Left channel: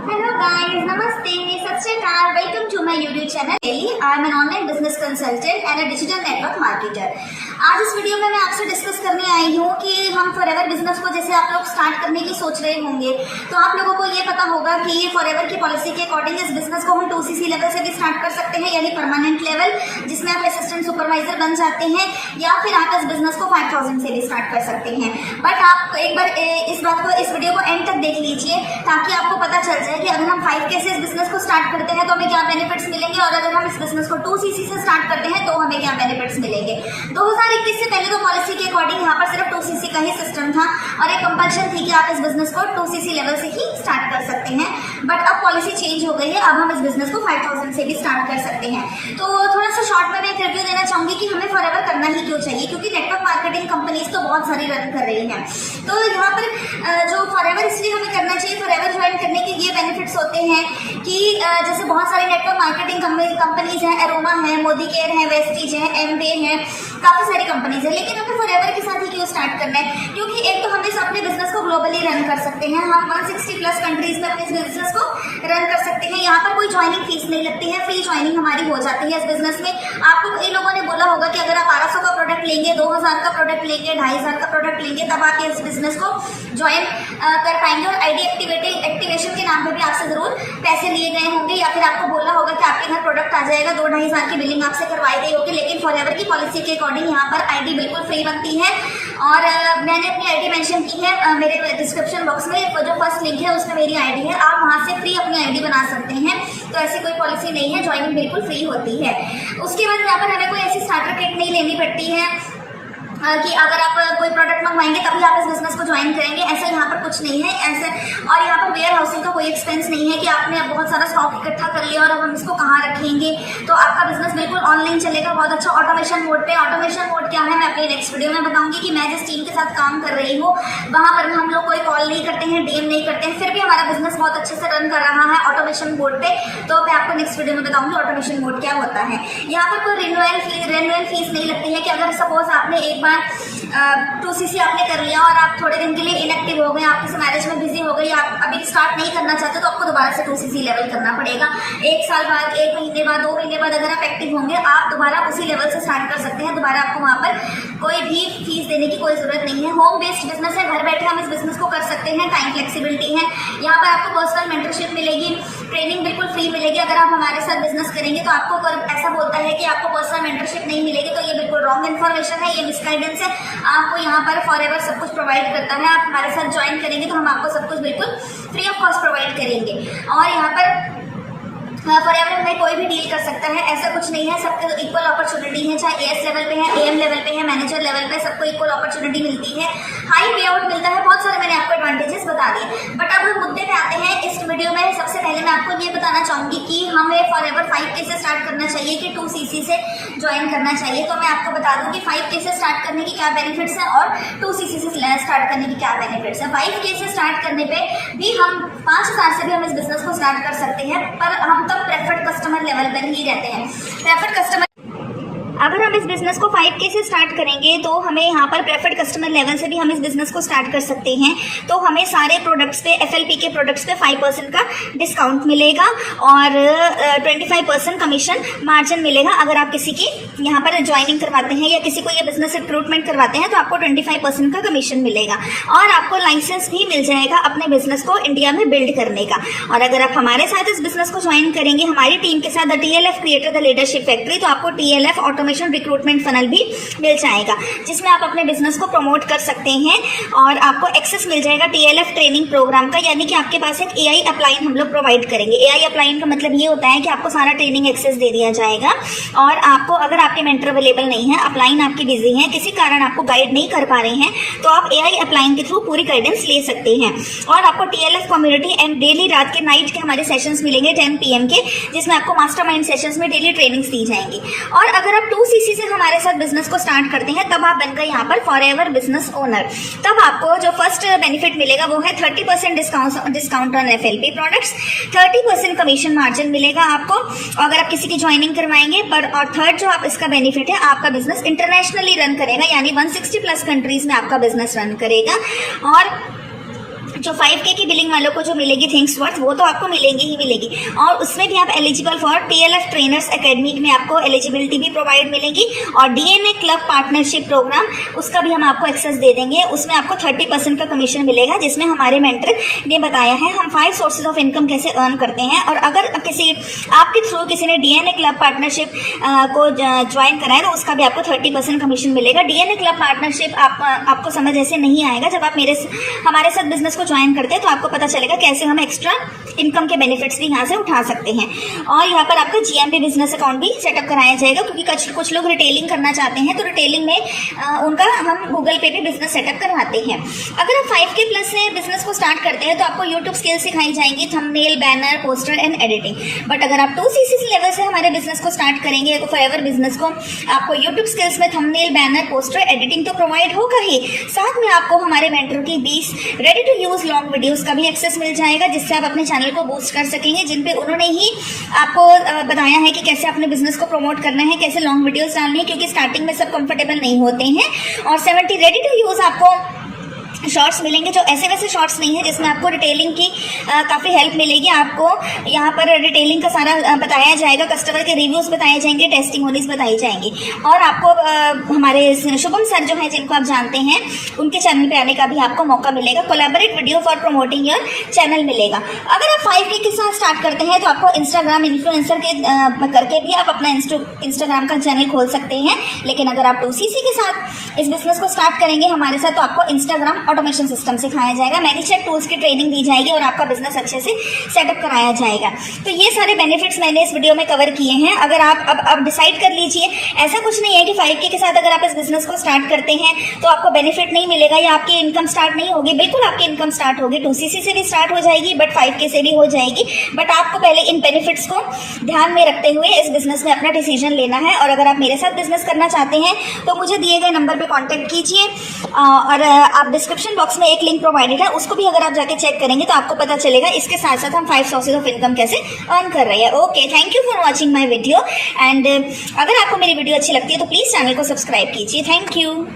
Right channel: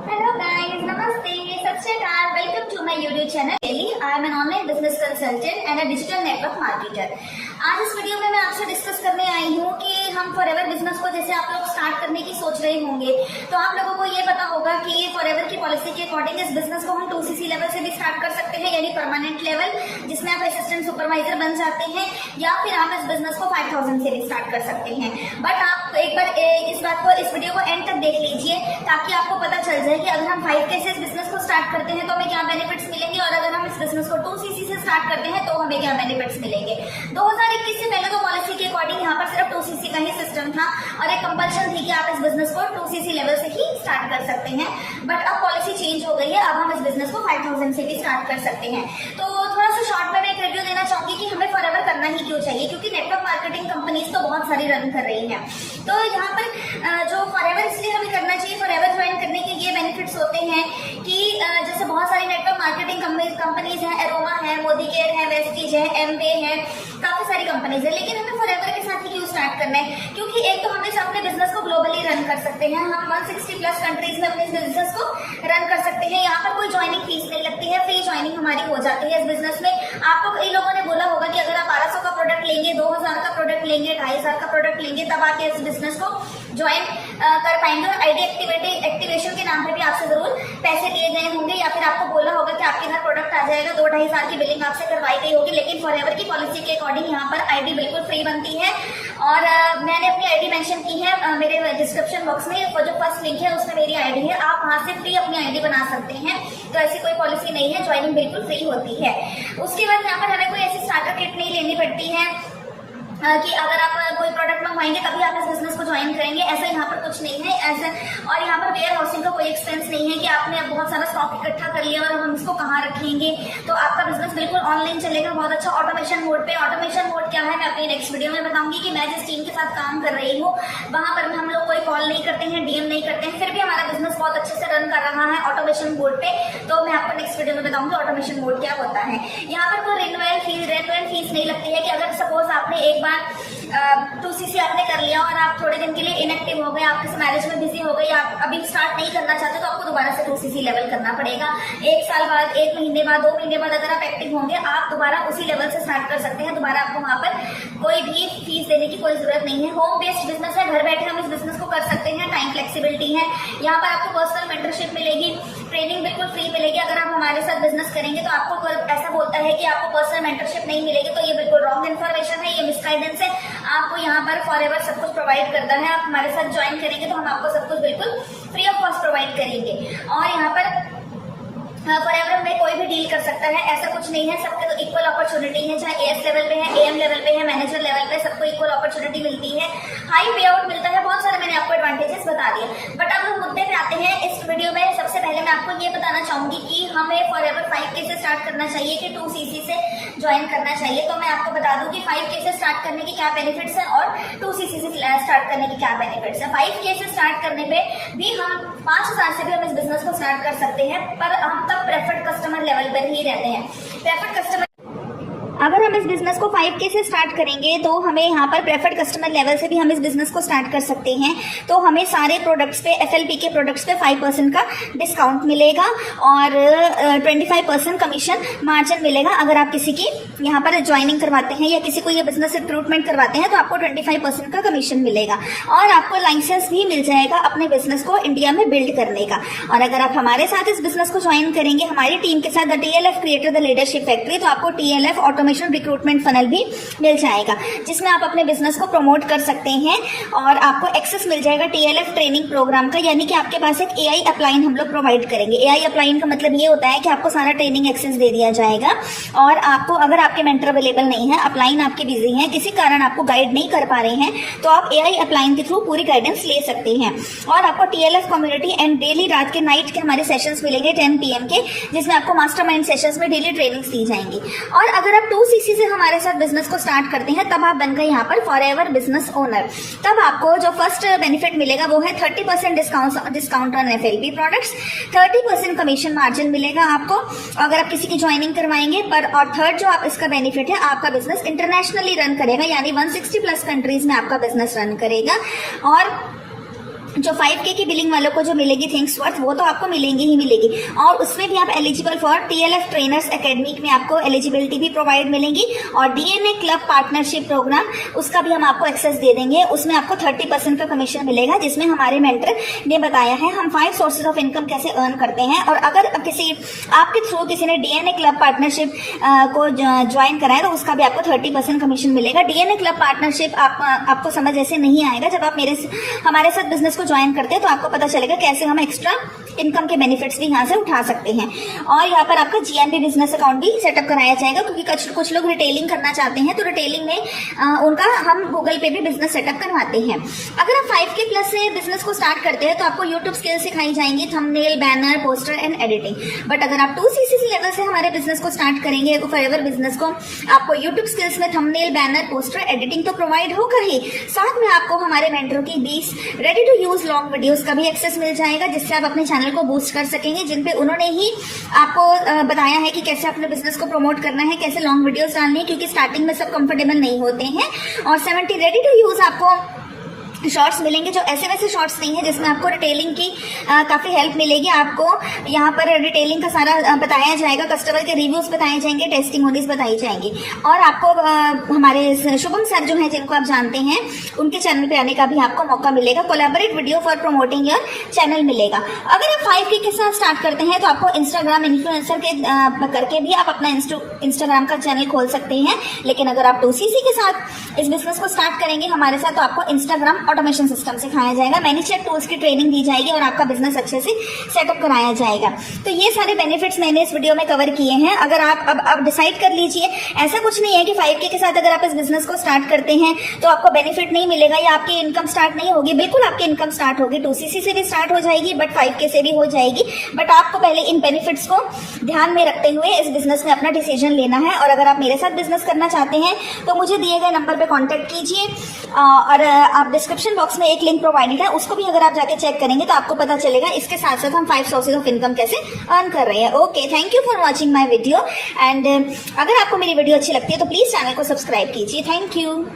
Hello guys, Namaste, Sat Shri Akal, welcome to my YouTube channel. I am an online business consultant and a digital network marketer. आज इस video में मैं आपसे discuss करने आई हूँ कि हम फॉरएवर बिजनेस को जैसे आप लोग स्टार्ट करने की सोच रहे होंगे तो आप लोगों को ये पता होगा कि ये फॉरएवर की पॉलिसी के अकॉर्डिंग इस बिजनेस को हम 2cc लेवल से भी स्टार्ट कर सकते हैं, यानी परमानेंट लेवल जिसमें आप असिस्टेंट सुपरवाइजर बन जाते हैं, या फिर आप इस बिजनेस को 5000 से भी स्टार्ट कर सकते हैं। बट आप एक बार इस वीडियो को एंड तक देख लीजिए ताकि आपको पता चल जाए कि अगर हम 5K से इस बिजनेस को स्टार्ट करते हैं तो हमें क्या बेनिफिट्स मिलेंगे, और अगर हम इस बिजनेस को 2cc से स्टार्ट करते हैं तो हमें क्या बेनिफिट्स मिलेंगे। 2021 से पहले तो पॉलिसी के अकॉर्डिंग यहाँ पर सिर्फ 2cc का ही सिस्टम था और एक कंपल्शन थी कि आप इस बिजनेस को 2cc लेवल से ही स्टार्ट कर सकते हैं। बट अब पॉलिसी चेंज हो गई है, अब हम इस बिजनेस को 5000 से भी स्टार्ट कर सकते हैं। तो थोड़ा सा शॉर्ट में मैं एक रिव्यू देना चाहूंगी कि हमें फॉरएवर करना ही क्यों चाहिए, क्योंकि नेटवर्क मार्केटिंग कंपनीज तो बहुत सारी रन कर रही हैं। तो यहाँ पर जो फॉरएवर इसलिए हमें करना चाहिए, फॉरएवर ज्वाइन करने के ये बेनिफिट्स होते हैं कि जैसे बहुत सारी नेटवर्क मार्केटिंग कंपनीज हैं, एरोमा है, मोदी केयर है, वेस्टीज है, एमवे है, काफी सारी कंपनीज है। लेकिन हमें फॉरएवर के साथ ही क्यों स्टार्ट करना है, क्योंकि एक तो हम इस अपने बिजनेस को ग्लोबली रन कर सकते हैं, हम 160+ कंट्रीज में अपने इस बिजनेस को रन कर सकते हैं। यहाँ पर कोई ज्वाइनिंग फीस नहीं लगती है, फ्री ज्वाइनिंग हमारी हो जाती है इस बिजनेस में। आपको इन लोगों ने बोला होगा कि अगर आप 1200 का प्रोडक्ट लेंगे, 2000 का प्रोडक्ट लेंगे, 2500 का प्रोडक्ट लेंगे, तब आप इस बिजनेस को ज्वाइन कर पाएंगे। और आईडी एक्टिवेशन के नाम पे भी आपसे जरूर पैसे लिए गए होंगे, या फिर आपको बोला होगा कि आपके घर प्रोडक्ट आ जाएगा, 2-2.5 की बिलिंग आपसे करवाई गई होगी। लेकिन फॉरएवर की पॉलिसी के अकॉर्डिंग यहाँ पर आईडी बिल्कुल फ्री बनती है। और मैंने अपनी आईडी मेंशन की है मेरे डिस्क्रिप्शन बॉक्स में, जो फर्स्ट लिंक है उसमें मेरी आईडी है, आप वहां से फ्री अपनी आईडी बना सकते हैं। तो ऐसी कोई पॉलिसी नहीं है, ज्वाइनिंग बिल्कुल फ्री होती है। उसके बाद यहाँ पर हमें कोई ऐसी स्टार्टर किट नहीं लेनी पड़ती है कि अगर आप कोई प्रोडक्ट मंगवाएंगे तभी आप इस बिजनेस को ज्वाइन करेंगे, ऐसा यहाँ पर कुछ नहीं है ऐसे। और यहाँ पर वेयर हाउसिंग का कोई एक्सपेंस नहीं है कि आपने बहुत सारा स्टॉक इकट्ठा कर लिया और अब हम इसको कहाँ रखेंगे। तो आपका बिजनेस बिल्कुल ऑनलाइन चलेगा, बहुत अच्छा ऑटोमेशन मोड पे। ऑटोमेशन मोड क्या है मैं अपनी नेक्स्ट वीडियो में बताऊंगी कि मैं जिस टीम के साथ काम कर रही हूँ वहां पर हम लोग कोई कॉल नहीं करते हैं, डीएम नहीं करते हैं, फिर भी हमारा बिजनेस बहुत अच्छे से रन कर रहा है ऑटोमेशन मोड पे। तो मैं आपको नेक्स्ट वीडियो में बताऊंगी ऑटोमेशन मोड क्या होता है। यहाँ पर कोई रिन्यूअल फीस नहीं लगती है कि अगर सपोज आपने एक बार 2cc आपने कर लिया और आप थोड़े दिन के लिए इनएक्टिव हो गए, आप किसी मैरिज में बिजी हो गए, आप अभी स्टार्ट नहीं करना चाहते, तो आपको दोबारा से 2cc लेवल करना पड़ेगा। 1 साल बाद, 1 महीने बाद, 2 महीने बाद अगर आप एक्टिव होंगे, आप दोबारा उसी लेवल से स्टार्ट कर सकते हैं। दोबारा आपको वहां पर कोई भी फीस देने की कोई जरूरत नहीं है। होम बेस्ड बिजनेस है, घर बैठे हम इस बिजनेस को कर सकते हैं, टाइम फ्लेक्सिबिलिटी है। यहाँ पर आपको पर्सनल मेंटरशिप मिलेगी, ट्रेनिंग बिल्कुल फ्री मिलेगी। अगर आप हमारे साथ बिजनेस करेंगे तो आपको ऐसा बोलता है कि आपको पर्सनल मेंटरशिप नहीं मिलेगी, तो ये बिल्कुल रॉन्ग इन्फॉर्मेशन है, ये मिसगाइडेंस है। आपको यहाँ पर फॉरएवर सब कुछ प्रोवाइड करता है। आप हमारे साथ ज्वाइन करेंगे तो हम आपको सब कुछ बिल्कुल फ्री ऑफ कॉस्ट प्रोवाइड करेंगे। और यहाँ पर फॉरएवर में कोई भी डील कर सकता है, ऐसा कुछ नहीं है, सबको इक्वल अपॉर्चुनिटी है, चाहे एएस लेवल पे है, एएम लेवल पे है, मैनेजर लेवल पे, सबको इक्वल अपॉर्चुनिटी मिलती है, हाई पे आउट मिलता है, बहुत सारे मैंने आपको एडवांटेजेस बता दिए। बट अब हम मुद्दे पे आते हैं इस वीडियो में। सबसे पहले मैं आपको ये बताना चाहूंगी कि हमें फॉरएवर 5K से स्टार्ट करना चाहिए कि 2cc से ज्वाइन करना चाहिए। तो मैं आपको बता दूं कि 5K से स्टार्ट करने की क्या बेनिफिट्स है और 2cc से स्टार्ट करने की क्या बेनिफिट्स है। 5K से स्टार्ट करने पे भी हम 5000 से भी हम इस बिजनेस को स्टार्ट कर सकते हैं, पर हम तब प्रेफर्ड कस्टमर लेवल पर ही रहते हैं। प्रेफर्ड कस्टमर अगर हम इस बिजनेस को 5K से स्टार्ट करेंगे तो हमें यहाँ पर प्रेफर्ड कस्टमर लेवल से भी हम इस बिजनेस को स्टार्ट कर सकते हैं। तो हमें सारे प्रोडक्ट्स पे, FLP के प्रोडक्ट्स पे 5% का डिस्काउंट मिलेगा और 25% कमीशन मार्जिन मिलेगा। अगर आप किसी की यहाँ पर ज्वाइनिंग करवाते हैं या किसी को ये बिजनेस रिक्रूटमेंट करवाते हैं तो आपको 25% का कमीशन मिलेगा और आपको लाइसेंस भी मिल जाएगा अपने बिजनेस को इंडिया में बिल्ड करने का। और अगर आप हमारे साथ इस बिजनेस को ज्वाइन करेंगे हमारी टीम के साथ, the TLF creator the leadership factory, तो आपको TLF ऑटोमेशन रिक्रूटमेंट फनल भी मिल जाएगा जिसमें आप अपने बिजनेस को प्रमोट कर सकते हैं और आपको एक्सेस मिल जाएगा TLF ट्रेनिंग प्रोग्राम का, यानी कि आपके पास एक AI अपलाइन हम लोग प्रोवाइड करेंगे। AI अपलाइन का मतलब ये होता है कि आपको सारा ट्रेनिंग एक्सेस दे दिया जाएगा और आपको, अगर आपके मेंटर अवेलेबल नहीं है, अपलाइन आपके बिजी हैं, किसी कारण आपको गाइड नहीं कर पा रहे हैं, तो आप AI अपलाइन के थ्रू पूरी गाइडेंस ले सकते हैं। और आपको TLF कम्युनिटी एंड डेली रात के नाइट के हमारे सेशंस मिलेंगे 10 PM के, जिसमें आपको मास्टरमाइंड सेशंस में डेली ट्रेनिंग्स दी जाएंगी। और अगर आप 2cc से हमारे साथ बिजनेस को स्टार्ट करते हैं तब आप बन गए यहाँ पर फॉरएवर बिजनेस ओनर। तब आपको जो फर्स्ट बेनिफिट मिलेगा वो है 30% discount on FLP products, 30% commission margin मिलेगा आपको अगर आप किसी की ज्वाइनिंग करवाएंगे। पर और थर्ड जो आप इसका बेनिफिट है, आपका बिजनेस इंटरनेशनली रन करेगा, यानी 160+ कंट्रीज में आपका बिजनेस रन करेगा। और जो 5K की बिलिंग वालों को जो मिलेगी थिंग्स वर्थ, वो तो आपको मिलेंगी ही मिलेगी, और उसमें भी आप eligible for TLF trainers academy में आपको एलिजिबिलिटी भी प्रोवाइड मिलेंगी, और DNA क्लब पार्टनरशिप प्रोग्राम उसका भी हम आपको एक्सेस दे देंगे। उसमें आपको 30% का कमीशन मिलेगा, जिसमें हमारे मेंटर ने बताया है हम 5 सोर्सेज ऑफ इनकम कैसे अर्न करते हैं। और अगर किसी आपके थ्रू किसी ने DNA क्लब पार्टनरशिप को ज्वाइन कराया तो उसका भी आपको 30% कमीशन मिलेगा। DNA क्लब पार्टनरशिप आपको समझ ऐसे नहीं आएगा, जब आप हमारे साथ बिजनेस को ज्वाइन करते हैं तो आपको पता चलेगा कैसे हम एक्स्ट्रा इनकम के बेनिफिट्स भी यहाँ से उठा सकते हैं। और यहाँ पर आपका GMB बिजनेस अकाउंट भी सेटअप कराया जाएगा, क्योंकि कुछ लोग रिटेलिंग करना चाहते हैं, तो रिटेलिंग में उनका हम गूगल पे भी बिजनेस सेटअप करवाते हैं। अगर आप 5K प्लस से बिजनेस को स्टार्ट करते हैं तो आपको यूट्यूब स्किल्स सिखाई जाएंगी, thumbnail, banner, poster and editing. But अगर आप 2CC लेवल से हमारे बिजनेस को स्टार्ट करेंगे तो फॉरएवर बिजनेस को आपको यूट्यूब स्किल्स में थंबनेल, बैनर, पोस्टर, एडिटिंग तो प्रोवाइड होगा ही, साथ में आपको हमारे मेंटर की 20 ready to use long videos का भी एक्सेस मिल जाएगा, जिससे आप अपने चैनल को बूस्ट कर सकेंगे, जिन पे उन्होंने ही आपको बताया है कि कैसे अपने बिजनेस को प्रमोट करना है, कैसे लॉन्ग वीडियोस डालनी है, क्योंकि स्टार्टिंग में सब कंफर्टेबल नहीं होते हैं। और 70 रेडी टू यूज आपको शॉर्ट्स मिलेंगे, जो ऐसे वैसे शॉर्ट्स नहीं है, जिसमें आपको रिटेलिंग की काफ़ी हेल्प मिलेगी। आपको यहाँ पर रिटेलिंग का सारा बताया जाएगा, कस्टमर के रिव्यूज बताए जाएंगे, टेस्टिमोनीज बताई जाएंगी, और आपको हमारे शुभम सर जो हैं, जिनको आप जानते हैं, उनके चैनल पे आने का भी आपको मौका मिलेगा। Collaborate video for promoting your channel मिलेगा। अगर आप 5K के साथ स्टार्ट करते हैं तो आपको इंस्टाग्राम इन्फ्लुएंसर के करके भी आप अपना इंस्टाग्राम का चैनल खोल सकते हैं। लेकिन अगर आप 2CC के साथ इस बिजनेस को स्टार्ट करेंगे हमारे साथ, तो आपको इंस्टाग्राम ऑटोमेशन सिस्टम सिखाया जाएगा, मैनीचेक टूल्स की ट्रेनिंग दी जाएगी, और आपका बिजनेस अच्छे से सेटअप कराया जाएगा। तो ये सारे बेनिफिट्स मैंने इस वीडियो में कवर किए हैं। अगर आप अब डिसाइड कर लीजिए, ऐसा कुछ नहीं है कि 5K के साथ अगर आप इस बिजनेस को स्टार्ट करते हैं तो आपको बेनिफिट नहीं मिलेगा या आपकी इनकम स्टार्ट नहीं होगी। बिल्कुल आपकी इनकम स्टार्ट होगी, 2CC से भी स्टार्ट हो जाएगी, बट 5K से भी हो जाएगी। बट आपको पहले इन बेनिफिट्स को ध्यान में रखते हुए इस बिजनेस में अपना डिसीजन लेना है। और अगर आप मेरे साथ बिजनेस करना चाहते हैं तो मुझे दिए गए नंबर पर कॉन्टेक्ट कीजिए, और आप डिस्क्रिप्शन बॉक्स में एक लिंक प्रोवाइडेड है, उसको भी अगर आप जाके चेक करेंगे तो आपको पता चलेगा इसके साथ साथ हम 5 सोर्सेज ऑफ इनकम कैसे अर्न कर रहे हैं। Okay, thank you for watching my video, and अगर आपको मेरी वीडियो अच्छी लगती है तो प्लीज चैनल को सब्सक्राइब कीजिए। Thank you.